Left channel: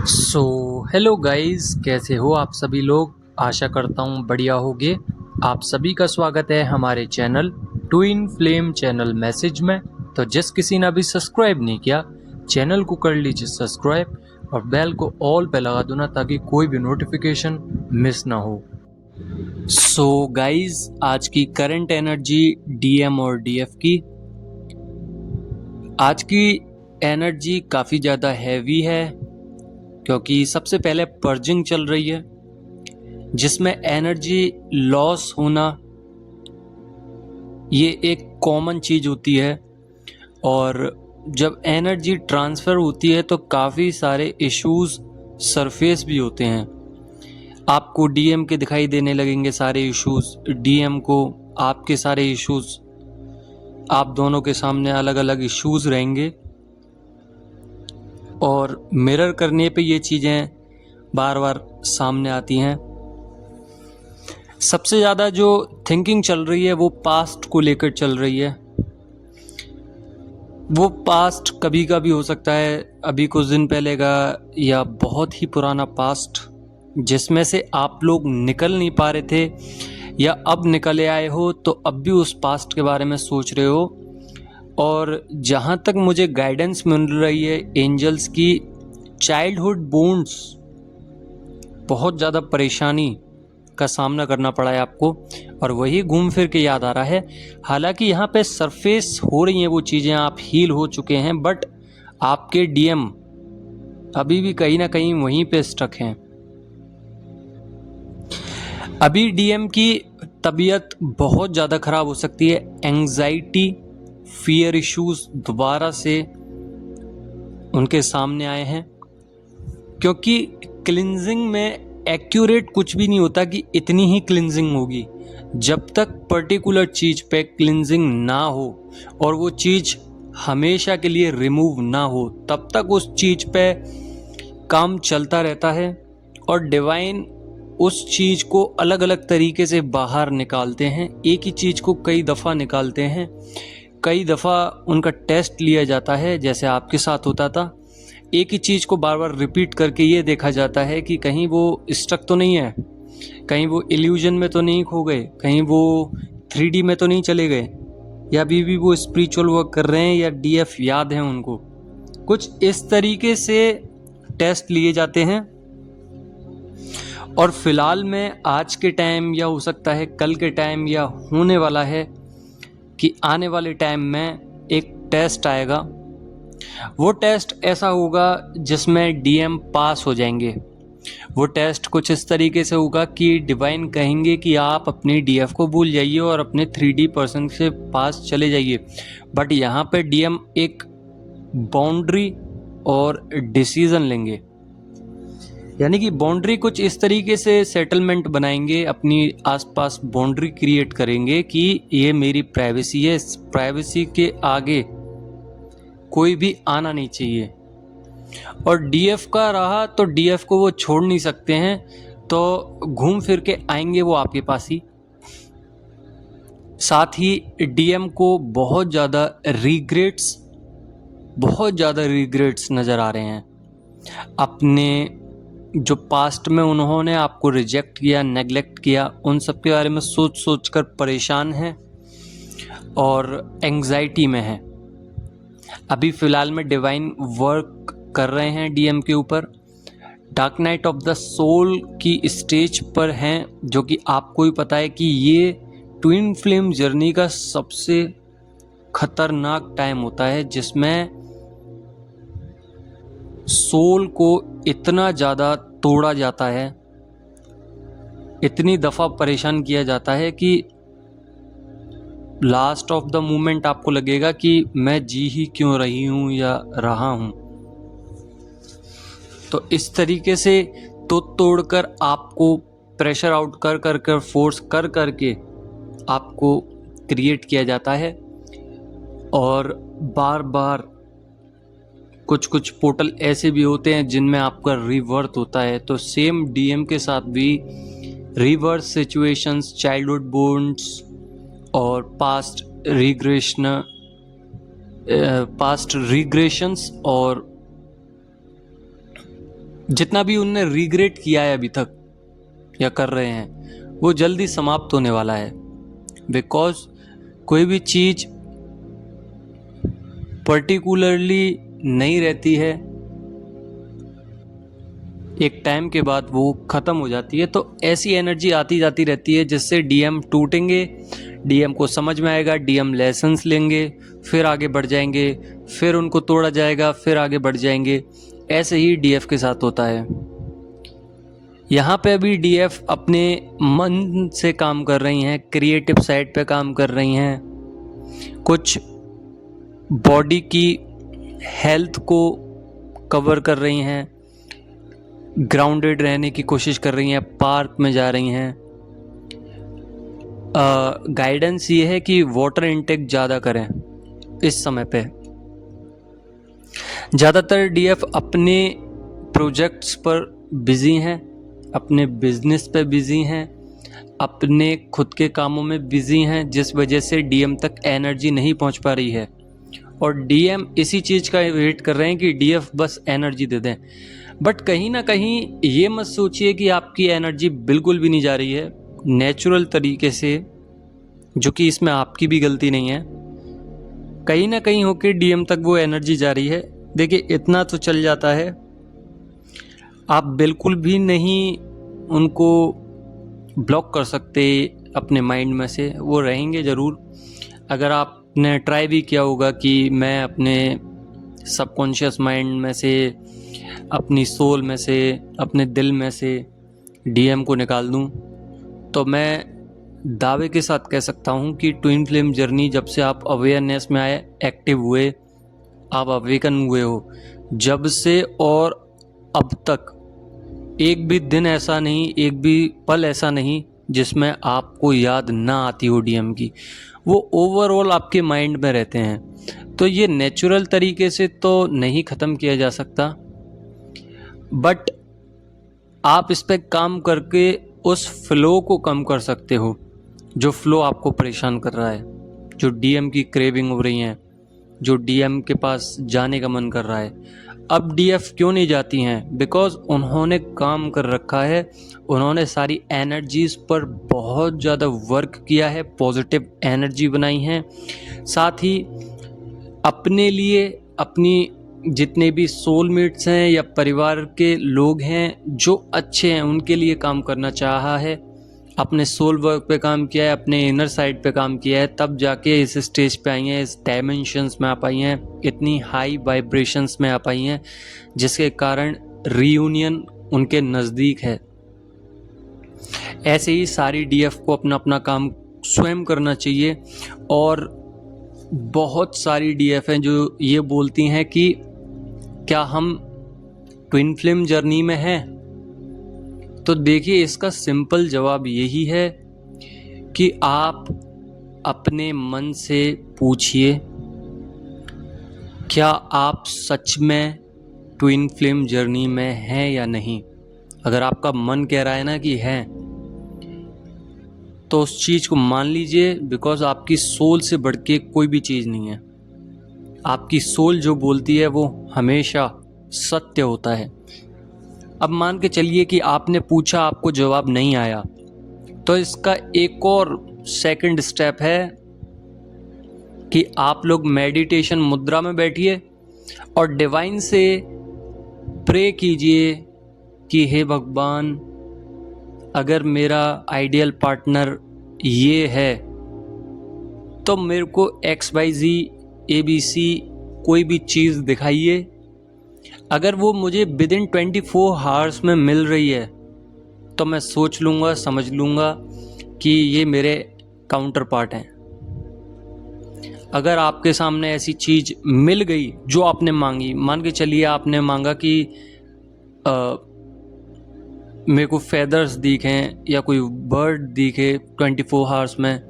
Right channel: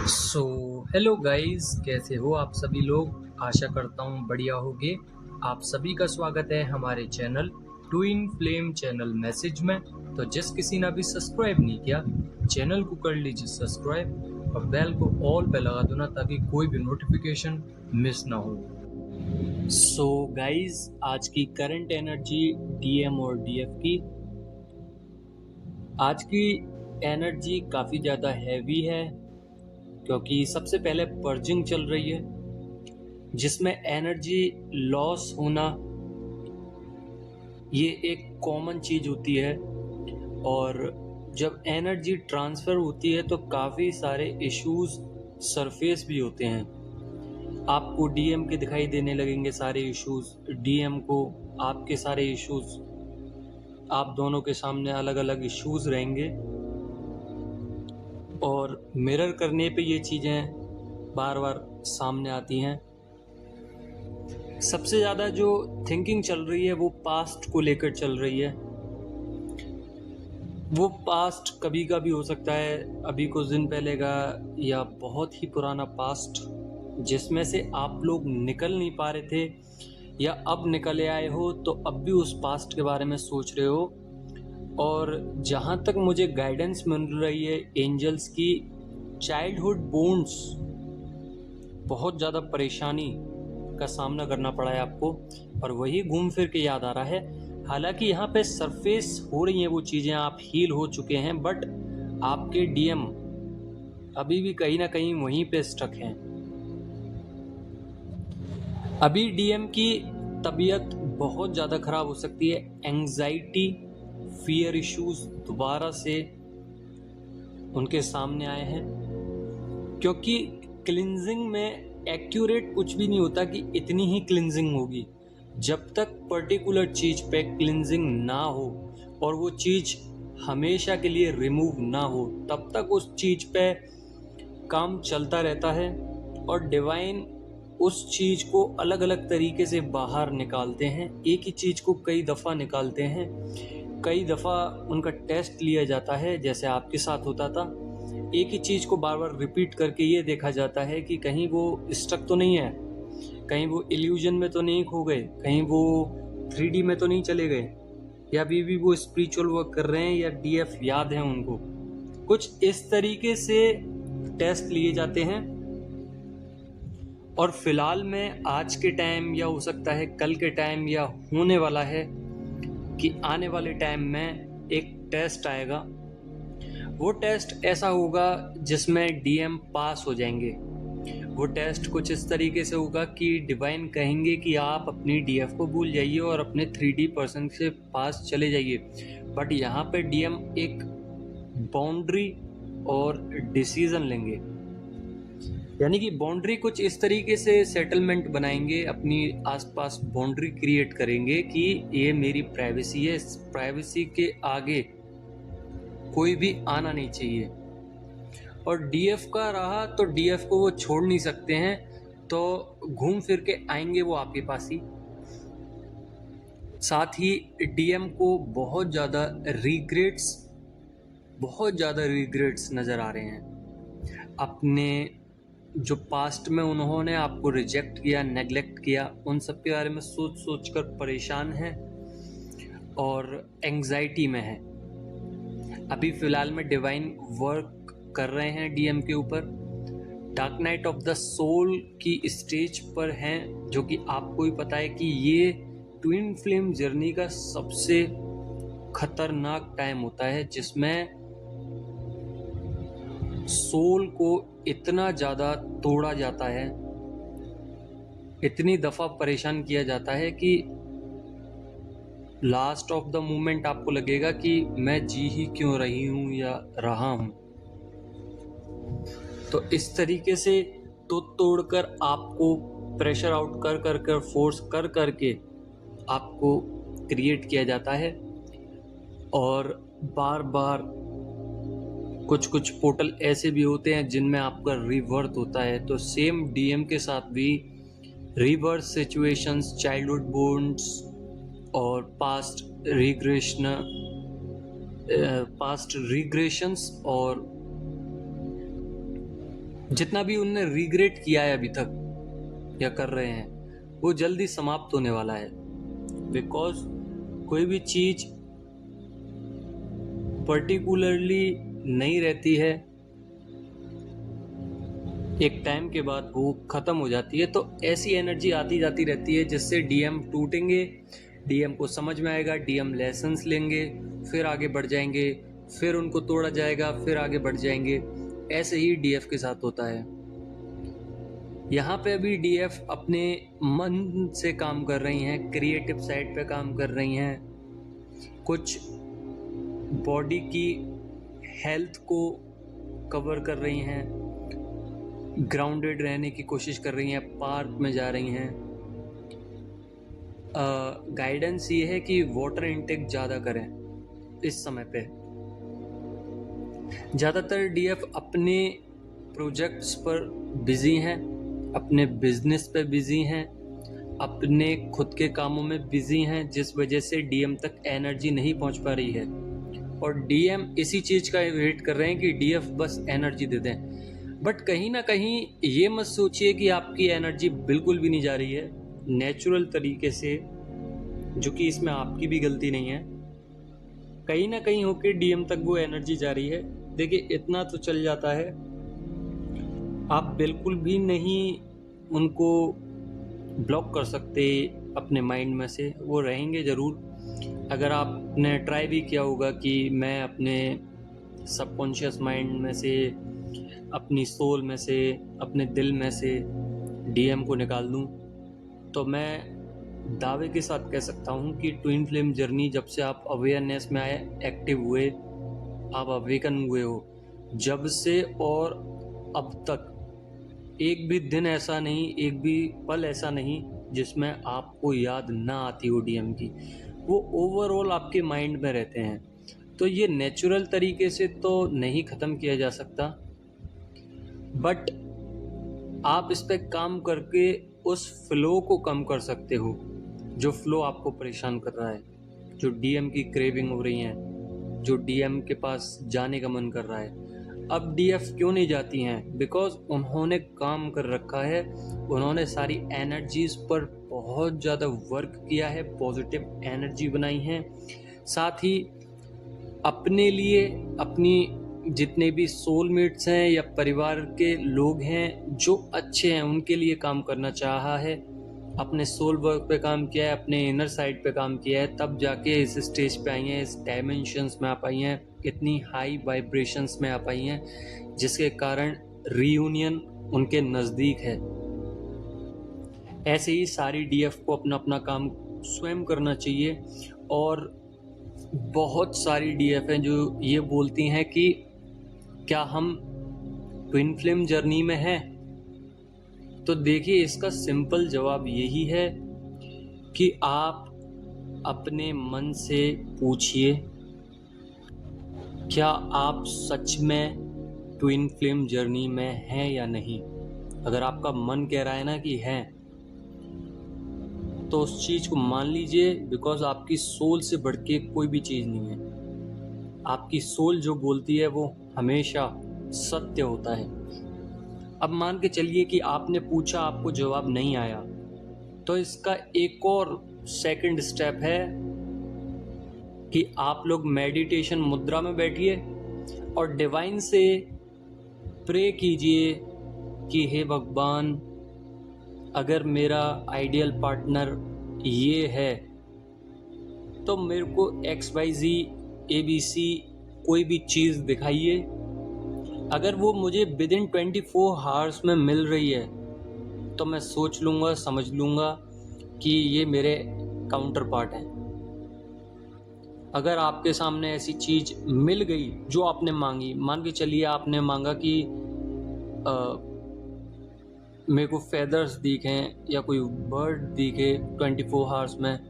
So hello guys, कैसे हो आप सभी लोग। आशा करता हूँ बढ़िया होगे। आप सभी का स्वागत है हमारे channel twin flame channel message में। तो जिस किसी ने अभी सब्सक्राइब नहीं किया, चैनल को कर लीजिए सब्सक्राइब और बेल को ऑल पे लगा दो ना, ताकि कोई भी नोटिफिकेशन मिस ना हो। सो गाइस, आज की करंट एनर्जी डीएम और डीएफ की। आज की एनर्जी काफ़ी ज़्यादा हैवी है, क्योंकि सबसे पहले पर्जिंग चल रही है, जिसमें एनर्जी लॉस होना ये एक कॉमन चीज़ होती है। और जब एनर्जी ट्रांसफ़र होती है तो काफ़ी इशूज़ इश्यूज सरफेस भी होते हैं। आपको डीएम के दिखाई देने लगेंगे सारे इश्यूज, डीएम को आपके सारे इश्यूज, आप दोनों के सामने अलग अलग इश्यूज रहेंगे और मिरर करने पे ये चीज़ें बार बार सामने आती हैं। सबसे ज़्यादा जो थिंकिंग चल रही है वो पास्ट को लेकर चल रही है। वो पास्ट कभी का भी हो सकता है, अभी कुछ दिन पहले का या बहुत ही पुराना पास्ट, जिसमें से आप लोग निकल नहीं पा रहे थे या अब निकले आए हो, तो अब भी उस पास्ट के बारे में सोच रहे हो। और जहाँ तक मुझे गाइडेंस मिल रही है एंजल्स की, चाइल्डहुड बोन्ड्स बहुत ज़्यादा परेशानी का सामना करना पड़ा है आपको, और वही घूम फिर के याद आ रहा है। हालांकि यहाँ पे सरफेस हो रही हैं वो चीज़ें, आप हील हो चुके हैं, बट आपके डीएम अभी भी कहीं ना कहीं वहीं पे स्टक हैं। अभी डीएम की तबीयत बहुत ज़्यादा ख़राब हो सकती है। एंजाइटी, फियर इश्यूज दोबारा से उनके सामने आए हैं, क्योंकि क्लिनजिंग में एक्यूरेट कुछ भी नहीं होता कि इतनी ही क्लिनजिंग होगी। जब तक पर्टिकुलर चीज़ पे क्लिनजिंग ना हो और वो चीज़ हमेशा के लिए रिमूव ना हो, तब तक उस चीज़ पे काम चलता रहता है। और डिवाइन उस चीज़ को अलग अलग तरीके से बाहर निकालते हैं, एक ही चीज़ को कई दफ़ा निकालते हैं, कई दफ़ा उनका टेस्ट लिया जाता है, जैसे आपके साथ होता था। एक ही चीज़ को बार बार रिपीट करके ये देखा जाता है कि कहीं वो स्टक तो नहीं है, कहीं वो इल्यूजन में तो नहीं खो गए, कहीं वो 3D में तो नहीं चले गए, या अभी भी वो स्पिरिचुअल वर्क कर रहे हैं, या डीएफ याद है उनको। कुछ इस तरीके से टेस्ट लिए जाते हैं। और फिलहाल में आज के टाइम, या हो सकता है कल के टाइम, या होने वाला है कि आने वाले टाइम में एक टेस्ट आएगा। वो टेस्ट ऐसा होगा जिसमें डीएम पास हो जाएंगे। वो टेस्ट कुछ इस तरीके से होगा कि डिवाइन कहेंगे कि आप अपनी डीएफ को भूल जाइए और अपने 3D पर्सन से पास चले जाइए। बट यहाँ पे डीएम एक बाउंड्री और डिसीजन लेंगे, यानी कि बाउंड्री कुछ इस तरीके से सेटलमेंट बनाएंगे, अपनी आसपास बाउंड्री क्रिएट करेंगे कि ये मेरी प्राइवेसी है, इस प्राइवेसी के आगे कोई भी आना नहीं चाहिए। और डीएफ का रहा तो डीएफ को वो छोड़ नहीं सकते हैं, तो घूम फिर के आएंगे वो आपके पास ही। साथ ही डीएम को बहुत ज़्यादा रिग्रेट्स नज़र आ रहे हैं। अपने जो पास्ट में उन्होंने आपको रिजेक्ट किया, नेगलेक्ट किया, उन सब के बारे में सोच सोच कर परेशान हैं और एंग्जाइटी में हैं। अभी फ़िलहाल में डिवाइन वर्क कर रहे हैं डीएम के ऊपर। Dark night of the soul की स्टेज पर हैं, जो कि आपको ही पता है कि ये ट्विन फ्लेम जर्नी का सबसे खतरनाक टाइम होता है, जिसमें सोल को इतना ज़्यादा तोड़ा जाता है, इतनी दफ़ा परेशान किया जाता है कि लास्ट ऑफ द मोमेंट आपको लगेगा कि मैं जी ही क्यों रही हूँ या रहा हूँ। तो इस तरीके से तोड़कर आपको प्रेशर आउट कर फोर्स करके आपको क्रिएट किया जाता है। और बार बार कुछ पोर्टल ऐसे भी होते हैं जिनमें आपका रिवर्थ होता है। तो सेम डीएम के साथ भी रिवर्स सिचुएशंस, चाइल्डहुड बोन्ड्स और पास्ट रिग्रेशंस और जितना भी उनने रिग्रेट किया है अभी तक या कर रहे हैं, वो जल्दी समाप्त होने वाला है। बिकॉज कोई भी चीज पर्टिकुलरली नहीं रहती है, एक टाइम के बाद वो ख़त्म हो जाती है। तो ऐसी एनर्जी आती जाती रहती है जिससे डीएम टूटेंगे, डीएम को समझ में आएगा, डीएम लेसन्स लेंगे, फिर आगे बढ़ जाएंगे, फिर उनको तोड़ा जाएगा, फिर आगे बढ़ जाएंगे। ऐसे ही डीएफ के साथ होता है। यहाँ पे अभी डीएफ अपने मन से काम कर रही हैं, क्रिएटिव साइड पे काम कर रही हैं, कुछ बॉडी की हेल्थ को कवर कर रही हैं, ग्राउंडेड रहने की कोशिश कर रही हैं, पार्क में जा रही हैं। गाइडेंस ये है कि वाटर इनटेक ज़्यादा करें इस समय पे। ज़्यादातर डीएफ अपने प्रोजेक्ट्स पर बिजी हैं, अपने बिजनेस पे बिजी हैं, अपने खुद के कामों में बिजी हैं, जिस वजह से डीएम तक एनर्जी नहीं पहुंच पा रही है। और डीएम इसी चीज़ का वेट कर रहे हैं कि डीएफ बस एनर्जी दे दें। बट कहीं ना कहीं ये मत सोचिए कि आपकी एनर्जी बिल्कुल भी नहीं जा रही है। नेचुरल तरीके से, जो कि इसमें आपकी भी गलती नहीं है, कहीं ना कहीं होके डीएम तक वो एनर्जी जा रही है। देखिए, इतना तो चल जाता है, आप बिल्कुल भी नहीं उनको ब्लॉक कर सकते अपने माइंड में से, वो रहेंगे ज़रूर। अगर आपने ट्राई भी किया होगा कि मैं अपने सबकॉन्शियस माइंड में से, अपनी सोल में से, अपने दिल में से डीएम को निकाल दूं, तो मैं दावे के साथ कह सकता हूं कि ट्विन फ्लेम जर्नी जब से आप अवेयरनेस में आए, एक्टिव हुए, आप अवेकन हुए हो, जब से और अब तक एक भी दिन ऐसा नहीं, एक भी पल ऐसा नहीं जिसमें आपको याद ना आती हो डीएम की। वो ओवरऑल आपके माइंड में रहते हैं। तो ये नेचुरल तरीके से तो नहीं ख़त्म किया जा सकता, बट आप इस पे काम करके उस फ्लो को कम कर सकते हो जो फ्लो आपको परेशान कर रहा है, जो डीएम की क्रेविंग हो रही है, जो डीएम के पास जाने का मन कर रहा है। अब डीएफ क्यों नहीं जाती हैं? बिकॉज उन्होंने काम कर रखा है, उन्होंने सारी एनर्जीज पर बहुत ज़्यादा वर्क किया है, पॉजिटिव एनर्जी बनाई है, साथ ही अपने लिए, अपनी जितने भी सोलमेट्स हैं या परिवार के लोग हैं जो अच्छे हैं, उनके लिए काम करना चाहा है, अपने सोल वर्क पे काम किया है, अपने इनर साइड पे काम किया है, तब जाके इस स्टेज पे आई हैं, इस डायमेंशंस में आ पाई हैं, इतनी हाई वाइब्रेशंस में आ पाई हैं, जिसके कारण रीयूनियन उनके नज़दीक है। ऐसे ही सारी डीएफ को अपना अपना काम स्वयं करना चाहिए। और बहुत सारी डीएफ हैं जो ये बोलती हैं कि क्या हम ट्विन फ्लेम जर्नी में हैं? तो देखिए, इसका सिंपल जवाब यही है कि आप अपने मन से पूछिए, क्या आप सच में ट्विन फ्लेम जर्नी में हैं या नहीं। अगर आपका मन कह रहा है ना कि हैं, तो उस चीज़ को मान लीजिए, बिकॉज आपकी सोल से बढ़ के कोई भी चीज़ नहीं है। आपकी सोल जो बोलती है वो हमेशा सत्य होता है। अब मान के चलिए कि आपने पूछा, आपको जवाब नहीं आया, तो इसका एक और सेकंड स्टेप है कि आप लोग मेडिटेशन मुद्रा में बैठिए और डिवाइन से प्रे कीजिए कि हे भगवान, अगर मेरा आइडियल पार्टनर ये है तो मेरे को XYZ ABC कोई भी चीज़ दिखाइए। अगर वो मुझे विदिन 24 आवर्स में मिल रही है तो मैं सोच लूँगा, समझ लूँगा कि ये मेरे काउंटर पार्ट हैं। अगर आपके सामने ऐसी चीज़ मिल गई जो आपने मांगी, मान के चलिए आपने मांगा कि मेरे को फेदर्स दिखें या कोई बर्ड दिखे 24 आवर्स में,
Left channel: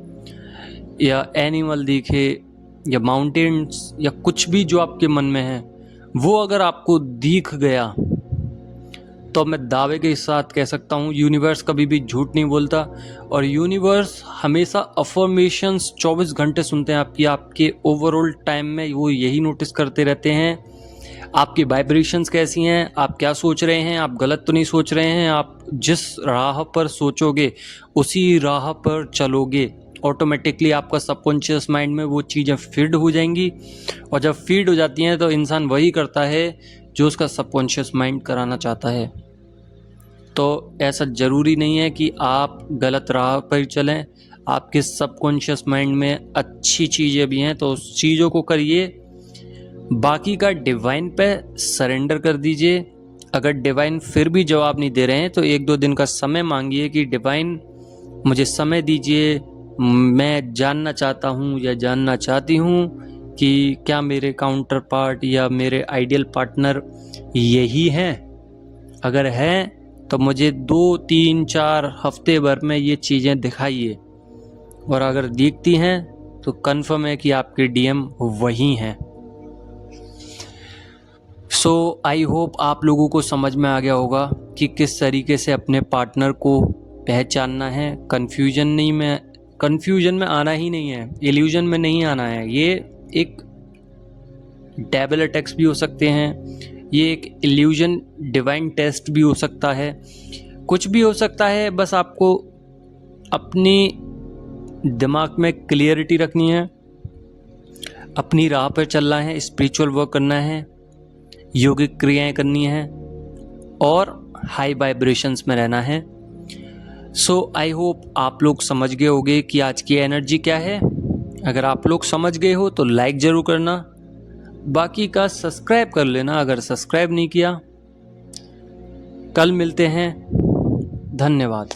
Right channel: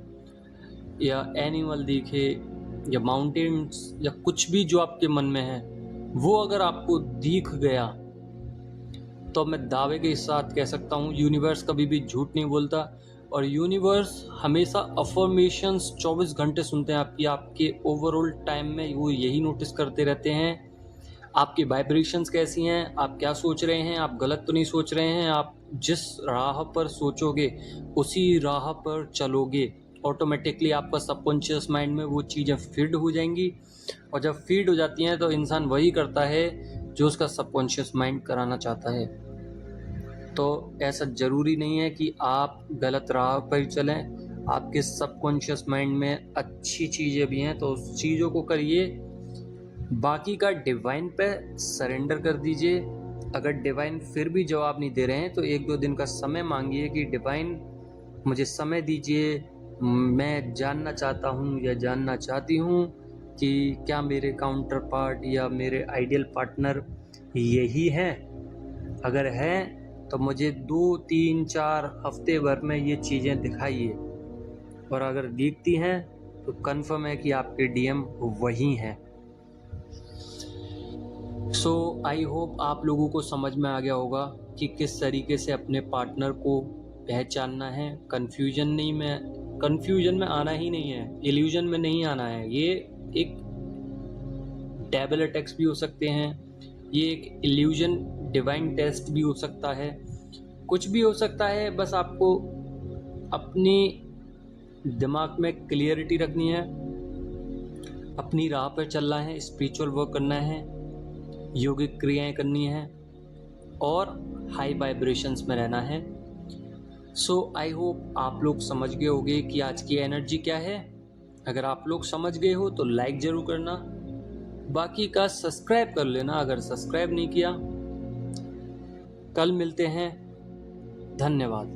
या एनिमल दिखे, या माउंटेन्स, या कुछ भी जो आपके मन में है, वो अगर आपको दिख गया तो मैं दावे के साथ कह सकता हूँ यूनिवर्स कभी भी झूठ नहीं बोलता। और यूनिवर्स हमेशा अफर्मेशंस 24 घंटे सुनते हैं आपकी। आपके ओवरऑल टाइम में वो यही नोटिस करते रहते हैं, आपकी वाइब्रेशंस कैसी हैं, आप क्या सोच रहे हैं, आप गलत तो नहीं सोच रहे हैं। आप जिस राह पर सोचोगे उसी राह पर चलोगे, ऑटोमेटिकली आपका सबकॉन्शियस माइंड में वो चीज़ें फीड हो जाएंगी। और जब फीड हो जाती हैं तो इंसान वही करता है जो उसका सबकॉन्शियस माइंड कराना चाहता है। तो ऐसा ज़रूरी नहीं है कि आप गलत राह पर चलें, आपके सबकॉन्शियस माइंड में अच्छी चीज़ें भी हैं तो उस चीज़ों को करिए। बाकी का डिवाइन पे सरेंडर कर दीजिए। अगर डिवाइन फिर भी जवाब नहीं दे रहे हैं तो 1-2 दिन का समय मांगिए कि डिवाइन मुझे समय दीजिए, मैं जानना चाहता हूँ या जानना चाहती हूँ कि क्या मेरे काउंटर पार्ट या मेरे आइडियल पार्टनर यही हैं। अगर हैं तो मुझे 2-3-4 हफ्ते भर में ये चीज़ें दिखाइए, और अगर दिखती हैं तो कन्फर्म है कि आपके डीएम वही हैं। सो आई होप आप लोगों को समझ में आ गया होगा कि किस तरीके से अपने पार्टनर को पहचानना है। कन्फ्यूजन में आना ही नहीं है, इल्यूजन में नहीं आना है। ये एक डेविल अटैक्स भी हो सकते हैं, ये एक इल्यूजन डिवाइन टेस्ट भी हो सकता है, कुछ भी हो सकता है। बस आपको अपनी दिमाग में क्लियरिटी रखनी है, अपनी राह पर चलना है, स्पिरिचुअल वर्क करना है, योगिक क्रियाएं करनी है और हाई वाइब्रेशंस में रहना है। सो आई होप आप लोग समझ गए होंगे कि आज की एनर्जी क्या है। अगर आप लोग समझ गए हो तो लाइक ज़रूर करना, बाकी का सब्सक्राइब कर लेना अगर सब्सक्राइब नहीं किया। कल मिलते हैं, धन्यवाद।